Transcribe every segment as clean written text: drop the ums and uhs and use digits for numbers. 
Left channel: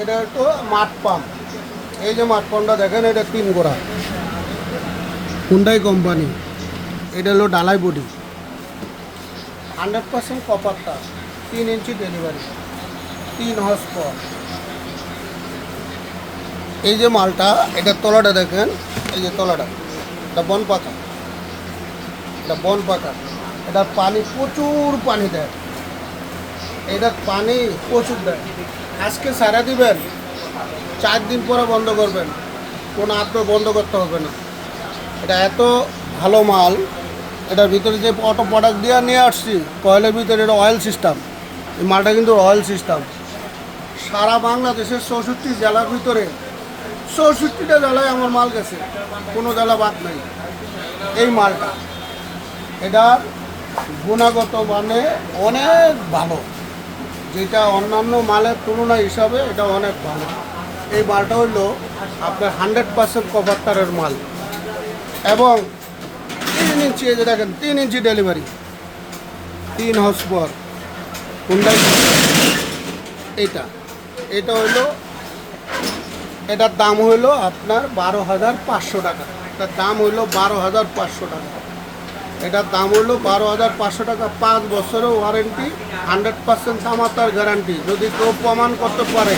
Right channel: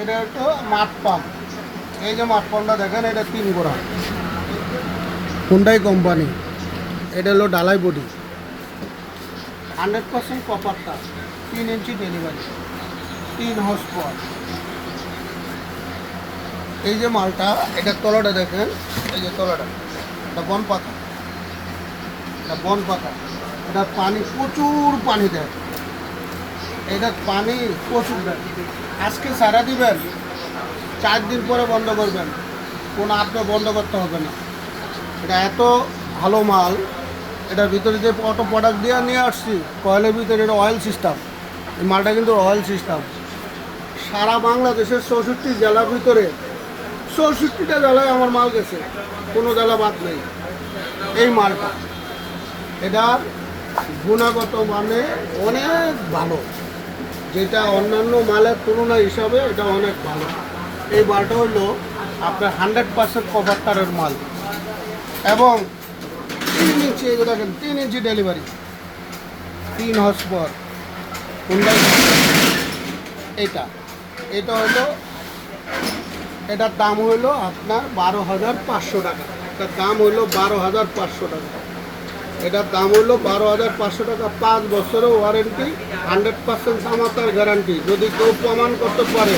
এটা একটু মাঠ পাম্প। এই যে মাঠ পাম্পটা দেখেন, এটা 3 গোড়া, হুন্ডাই কোম্পানি। এটা হলো ডালাই বডি, 100% কপারটা, 3 ইঞ্চি ডেলিভারি, 3 হর্স পাওয়ার। এই যে মালটা, এটার তলাটা দেখেন, এই যে তলাটা, এটা বন পাকা, এটা বন পাকা। এটার পানি প্রচুর পানি দেয়, এটার পানি প্রচুর দেয়। আজকে সারা দিবেন, 4 দিন পরে বন্ধ করবেন, কোনো আপনার বন্ধ করতে হবে না। এটা এত ভালো মাল। এটার ভিতরে যে অটো প্রোডাক্ট দিয়ে নিয়ে আসছি, কয়েলের ভিতরে এটা অয়েল সিস্টেম। এই মালটা কিন্তু অয়েল সিস্টেম। সারা বাংলাদেশের 64 জেলার ভিতরে 64টা জেলায় আমার মাল গেছে, কোনো জেলা বাদ নেই। এই মালটা, এটা গুণগত মানে অনেক ভালো, যেটা অন্যান্য মালের তুলনা হিসাবে এটা অনেক ভালো। এই মালটা হলো আপনার 100% কভার তারের মাল, এবং 3 ইঞ্চি, এই যে দেখেন 3 ইঞ্চি ডেলিভারি, 3 হর্স পাওয়ার হুন্ডাই। এটা হলো, এটার দাম হলো আপনার 12,500 টাকা। এটার দাম হলো 12,500 টাকা। এটার দাম হলো 12,500 টাকা। 5 বছরের ওয়ারেন্টি, 100% তামাতার গ্যারান্টি। যদি কেউ প্রমাণ করতে পারে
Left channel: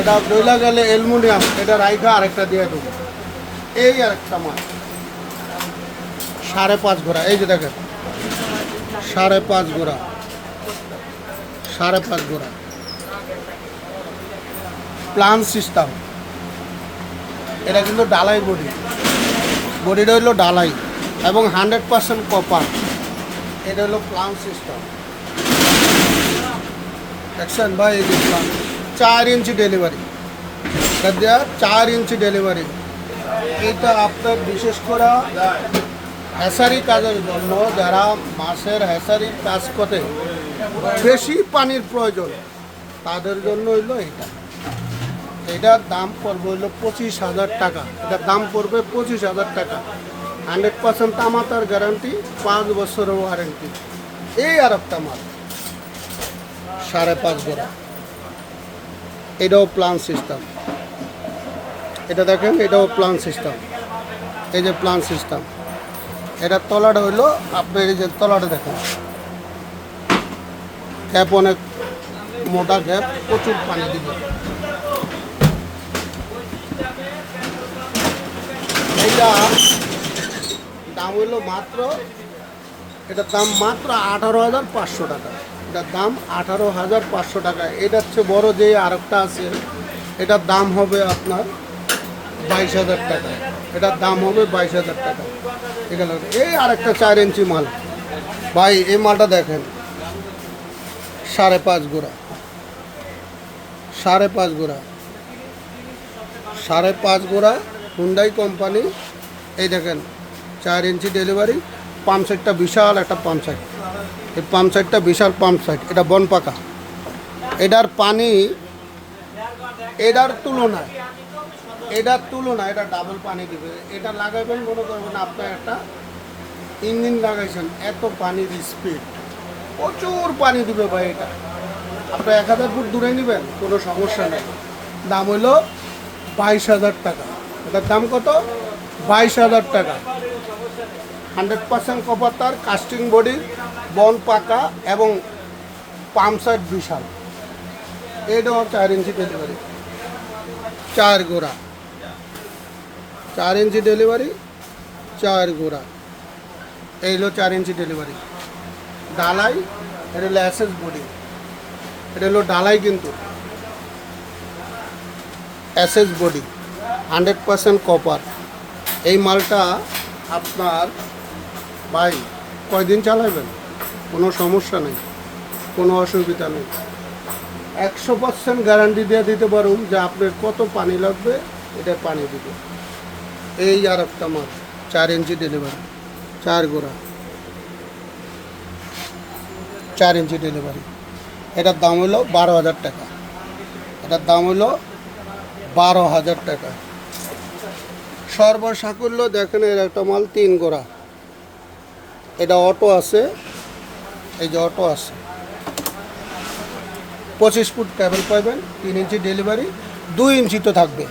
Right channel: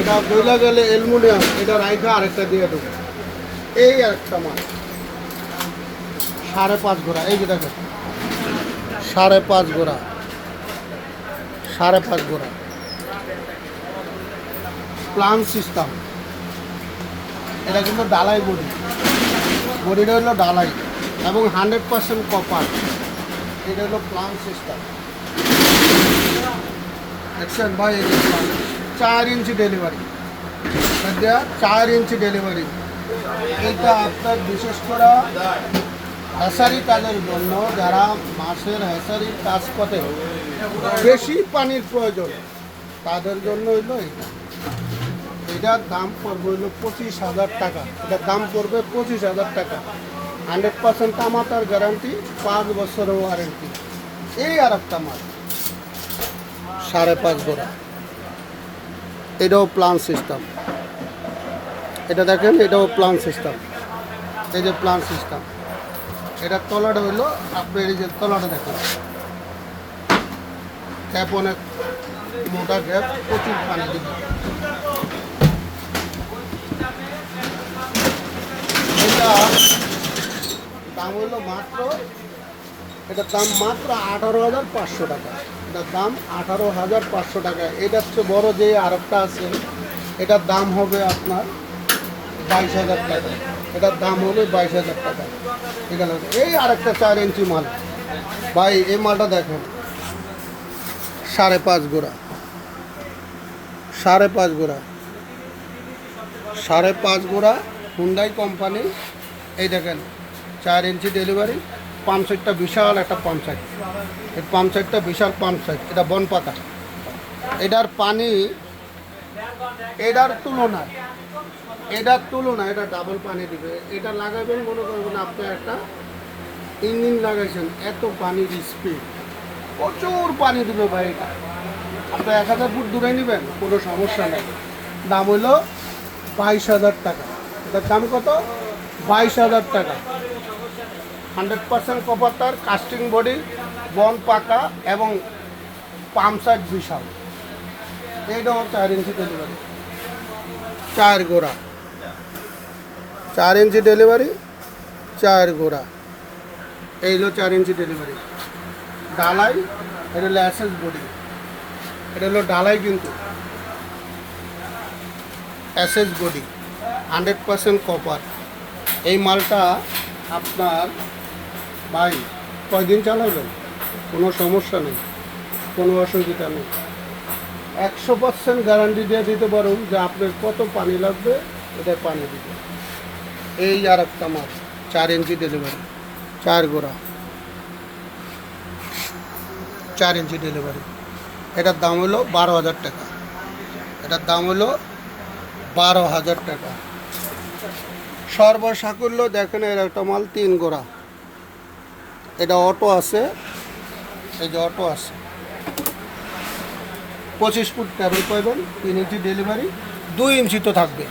এটা বইলা গেলে অ্যালুমিনিয়াম, এটা রাইখা আরেকটা দিয়ে দেবে। এই একটা মাল 5.5 ঘোড়া, এই যে দেখেন 5.5 ঘোড়া, 5.5 ঘোড়া প্লান সিস্টেম। এটা কিন্তু ডালাই বডি, বডিটা হলো ডালাই এবং 100% কপার। এটা হলো প্লান সিস্টেম। অ্যাকশন ভাই, 4 ইঞ্চি ডেলিভারি, এটা দেওয়া 4 ইঞ্চি ডেলিভারি। এটা আপনার বিশেষ করে হ্যাসারি কাজের জন্য, যারা মাছের হ্যাসারি কাজ করে, বেশি পানির প্রয়োজন, তাদের জন্য হইলো এটা। এটার দাম পড়বে হইলো 25,000 টাকা। এটার দাম পড়বে 25,000 টাকা। 100% তামাতার গ্যারান্টি, 5 বছরের ওয়ারেন্টি। এই আর একটা মাল 5.5 গোড়া, এটাও প্লান সিস্টেম। এটা দেখেন, এটাও প্লান সিস্টেম। এই যে প্লান সিস্টেম, এটার তলাটা হইলো আপনার, এই যে তলাটা দেখেন, ক্যাপ অনেক মোটা ক্যাপ, প্রচুর পানি দিবে। এটা দাম হইলো মাত্র, এটার দাম মাত্র 18,500 টাকা। এটার দাম 18,500 টাকা। এটার চেয়ে বড় যে আরেকটা আছে, এটার দাম হবে আপনার 22,000 টাকা। এটার দাম হবে 22,000 টাকা। ঠিক আছে, এই আরেকটা 4 ইঞ্চি মাল ভাই, এই মালটা দেখেন, 5.5 গোড়া, 5.5 গোড়া, 5.5 গোড়া হুন্ডাই কোম্পানি। এই দেখেন 4 ইঞ্চি ডেলিভারি, পাম্প সেটটা বিশাল একটা পাম্প সেট। এই পাম্প সেটটা বিশাল পাম্প সেট, এটা বন পাকা। এটার পানি এটার তুলনায় এটা ডাবল পানি দিবে। এটা লাগাবেন, মনে করবেন আপনি একটা ইঞ্জিন লাগাইছেন, এত পানির স্পিড, প্রচুর পানি দিবে ভাই। এটা আপনি 1000 ফুট দূরে নেবেন, কোনো সমস্যা নেই। দাম হইল 22,000 টাকা। এটার দাম কত? 22,000 টাকা। 100% কপার তার, কাস্টিং বডি, বন পাকা এবং পাম্প সেট বিশাল। এইটাও 4 ইঞ্চি ডেলিভারি, 4 গোড়া, 4 ইঞ্চি ডেলিভারি, 4 গোড়া। এই হলো 4 ইঞ্চি ডেলিভারি ডালাই। এটা হলো অ্যাসেস বডি, এটা হলো ডালাই, কিন্তু অ্যাসেস বডি, 100% কপার। এই মালটা আপনার ভাই কয়দিন চালাবেন, কোনো সমস্যা নেই, কোনো অসুবিধা নেই। 100% গ্যারান্টি দিয়ে দিতে পারুন যে আপনার কত পানি লাগবে, এটা পানি দিবে। এই আর একটা মাল 4 ইঞ্চি ডেলিভারি, 4 গোড়া, 4 ইঞ্চি ডেলিভারি। এটার দাম হলো 12,000 টাকা। এটার দাম হলো 12,000 টাকা। সর্বসাকুল্য দেখেন, এর একটা মাল 3 গোড়া, এটা অটো আছে, এই যে অটো আছে, 25 ফুট কেবল পাবেন, 3 ইঞ্চি ডেলিভারি, 2 ইঞ্চি তো থাকবে,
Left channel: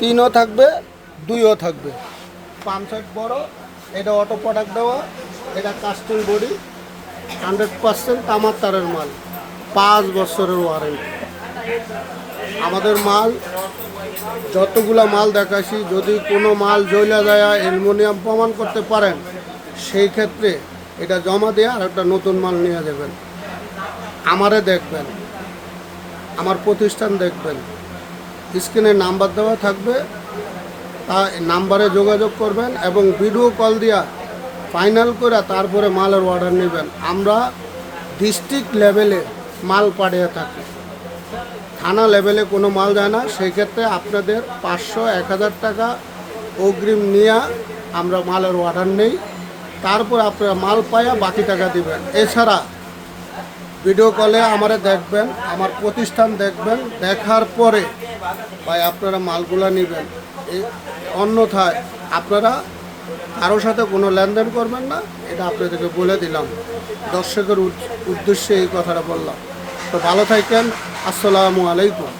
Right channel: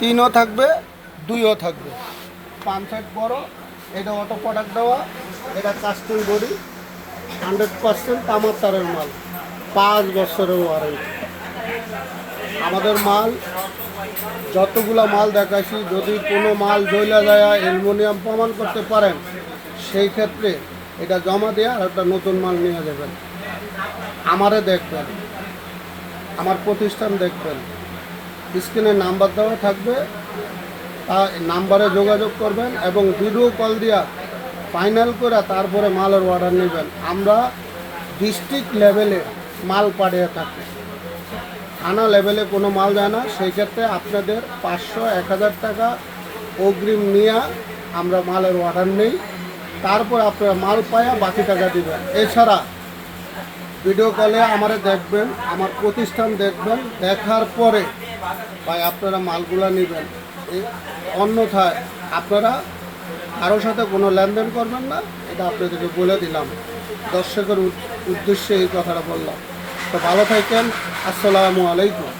3ও থাকবে, 2ও থাকবে। পাম্প সেট বড়, এটা অটো প্রোডাক্ট দেওয়া, এটা কাস্টম বডি, 100% তামার তারের মাল, 5 বছরের ওয়ারেন্টি। আমাদের মাল যতগুলা মাল দেখাচ্ছি, যদি কোনো মাল জ্বলা যায় অ্যালুমিনিয়াম প্রমাণ করতে পারেন, সেই ক্ষেত্রে এটা জমা দিয়ে আর একটা নতুন মাল নিয়ে যাবেন। আমারে দেখবেন, আমার প্রতিষ্ঠান দেখবেন, স্ক্রিনে নাম্বার দেওয়া থাকবে, তা নাম্বারে যোগাযোগ করবেন এবং ভিডিও কল দিয়া ফাইনাল করে তারপরে মালের অর্ডার নেবেন। আমরা ডিস্ট্রিক্ট লেভেলে মাল পাঠিয়ে থাকি, থানা লেভেলে কোনো মাল যায় না। সেই ক্ষেত্রে আপনাদের 500-1000 টাকা অগ্রিম নিয়ে আমরা মালের অর্ডার নেই, তারপর আপনারা মাল পাইয়া বাকি টাকা দিবেন। এছাড়া ভিডিও কলে আমরা দেখবেন, আমার প্রতিষ্ঠান দেখবেন, দেখার পরে ভাই আপনারা মালগুলো নেবেন। অন্যথায় আপনারা কারোর সাথে কোনো লেনদেন করবেন না, এটা আপনাদেরকে বলে দিলাম। দর্শকের উদ্দেশ্যে এই কথাটা বললাম। তো ভালো থাকেন, আসসালামু আলাইকুম।